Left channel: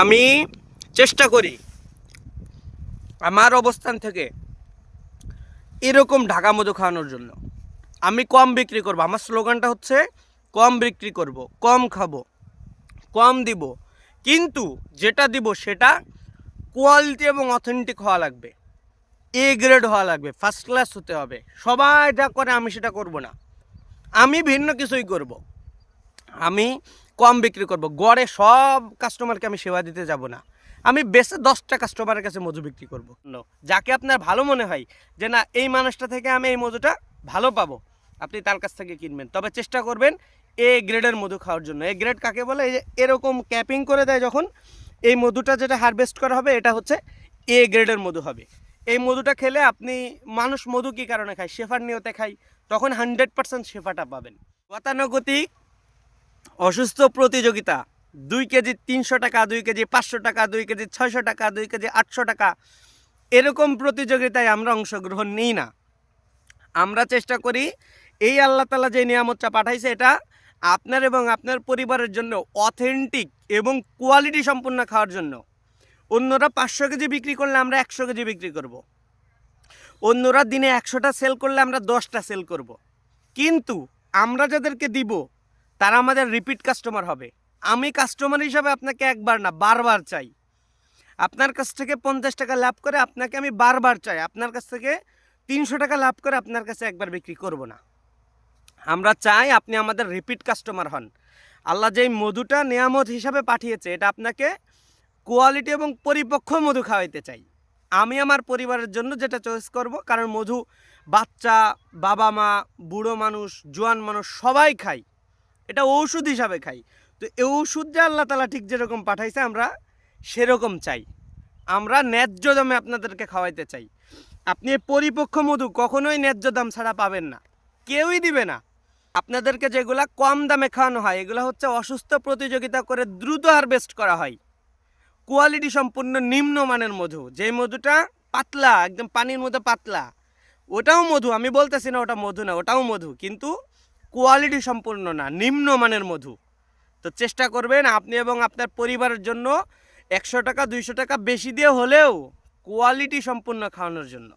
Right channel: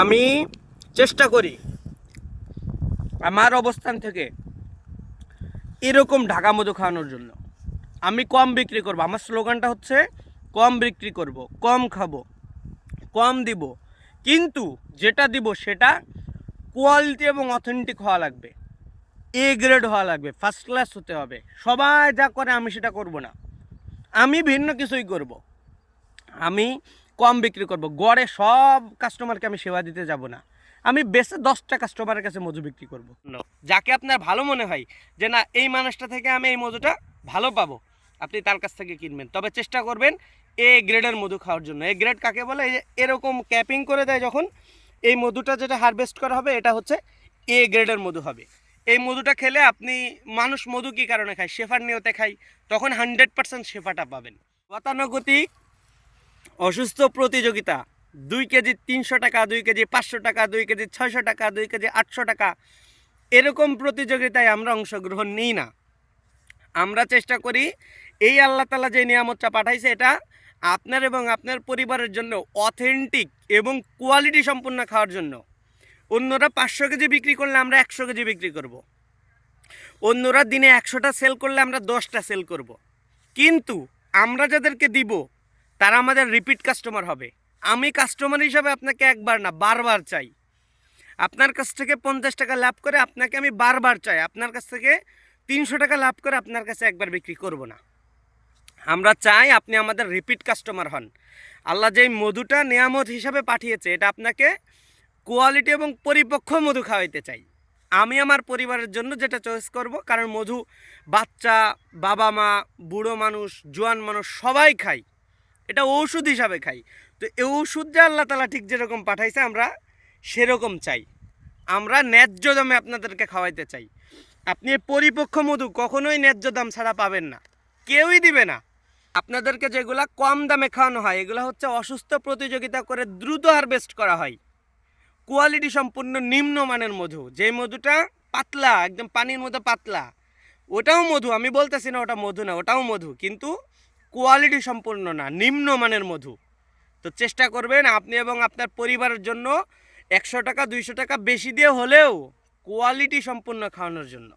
আমি চেষ্টা করি আমার অবস্থান থেকে এরকম ঢাকা মধু খাওয়ানোর জন্য। আমি কম বিক্রি করব, আমার স্লোগানটা হচ্ছে কম বিক্রি করব, কম খাবো, কম দিব, কিন্তু যেটা দিব সেটা কোয়ালিটি এবং অথেন্টিক হওয়া লাগবে, এ গ্রেড হওয়া লাগবে, ফার্স্ট ক্লাস হতে হবে। সবাই যা করে আমি সেটা করব না, আমি ভিন্ন কিছুই করব। আমি কম বিক্রি করব, গড়ে সব কাস্টমারকে আমি সেবা দিতে যাব না, আমি বেশি 10টা কাস্টমারের কাছে মধু বিক্রি করব। যাকে আপনার ভালো মনে হয় যে না এই মানুষটা থেকে আমি এই মধুটা ভালো পাবো, আপনি তার কাছ থেকে কিনবেন। তবে চেষ্টা করবেন এ গ্রেডের মধু খাওয়ার জন্য। এ গ্রেড কাকে বলে? এই যে এরকম ক্যাপিং করে দেয় যখন, এই মধুটা যেটা হারভেস্ট করা হবে এটা হচ্ছে এ গ্রেডের মধু হবে। এই মধুটা খেলে আপনি, মানুষ মধু কী কারণে খায়? শেফার নিয়তে খায়, তখন 100% শেফাটা পাবেন। গতানুগতিক অসুস্থ প্রতিযোগিতা, 2 কেজি 300 টাকা, 2 কেজি 500 টাকা, 2 কেজি 600 টাকা, 2 কেজি 800 টাকা, এরকম প্রতিযোগিতায় আমরা অংশগ্রহণ নিই না। আমরা চেষ্টা করি এই আল্লাহ তাআলা যে নিয়ামতটা পাঠাইছে এটা আপনার এবং আপনার পরিবারের জন্য অথেন্টিক এবং কোয়ালিটি সম্পূর্ণ খাওয়ার জন্য। অন্যরা 500 কেজি বিক্রি করলে আমরা 100 কেজি বিক্রি করব। অন্যরা দিনে 100টা সেল করলে আমরা 10টা সেল করব। কিন্তু আমরা যাদেরকে দিব তারা আমাদের রিপিট কাস্টমার হবে। আমি কাস্টমার হিসাবে আপনাকে একবার না বারবার চাই। আপনার কাছ থেকে 50 টাকা লাভ করে আপনাকে আমি বারবার চাই। আপনার কাছ থেকে 300 টাকা লাভ করে আপনার কাছে একবার বিক্রি করব না। আমরা চাই আপনি আমাদের রিপিট কাস্টমার হন। আল্লাহ যেই মধুটা নিয়ামত হিসাবে পাঠিয়েছে এটা আপনাকে কোয়ালিটি এবং পরিপক্ক মধু খাওয়াইতে চাই। আমি আমার পরিবারের জন্য যেটা চয়েস করব, কারণ মধু বাচ্চা, বাবা মা, বুড়ো মানুষ, জোয়ান মানুষ সবাই খায়, এটা ঔষধ হিসাবে খাই। তো এই ওষুধ যে আল্লাহ তাআলা ঠিক যেরকম পাঠাইছে আমরা সেরকম চাই। আমরা ন্যায্য দামে আপনাদেরকে খাওয়াইতে চাই। আপনি পরিপক্ক মধু কখনোই ন্যায্য দাম ছাড়া পাবেন না, কেউই দিবে না। আপনাদেরকে যেগুলা কম দামে খাওয়ানো হয় এগুলো হচ্ছে অসুস্থ প্রতিযোগিতা করে দ্রুত হারভেস্ট করা হয়, কোয়ালিটি সম্পূর্ণ নিম্নমানের মধু। যে মধুটা পাতলা, একদম পানির মতো পাতলা, ওটাও মধু, আমি বলতেছি না ওটা মধু না, ওটাও মধু, কিন্তু কোয়ালিটি সম্পূর্ণ না, নিম্নমানের মধু। তো চেষ্টা করবেন আপনি এবং আপনার পরিবারের জন্য 100 টাকা 200 টাকা বেশি দিয়ে হলেও কোয়ালিটি সম্পূর্ণ খাওয়ানোর জন্য।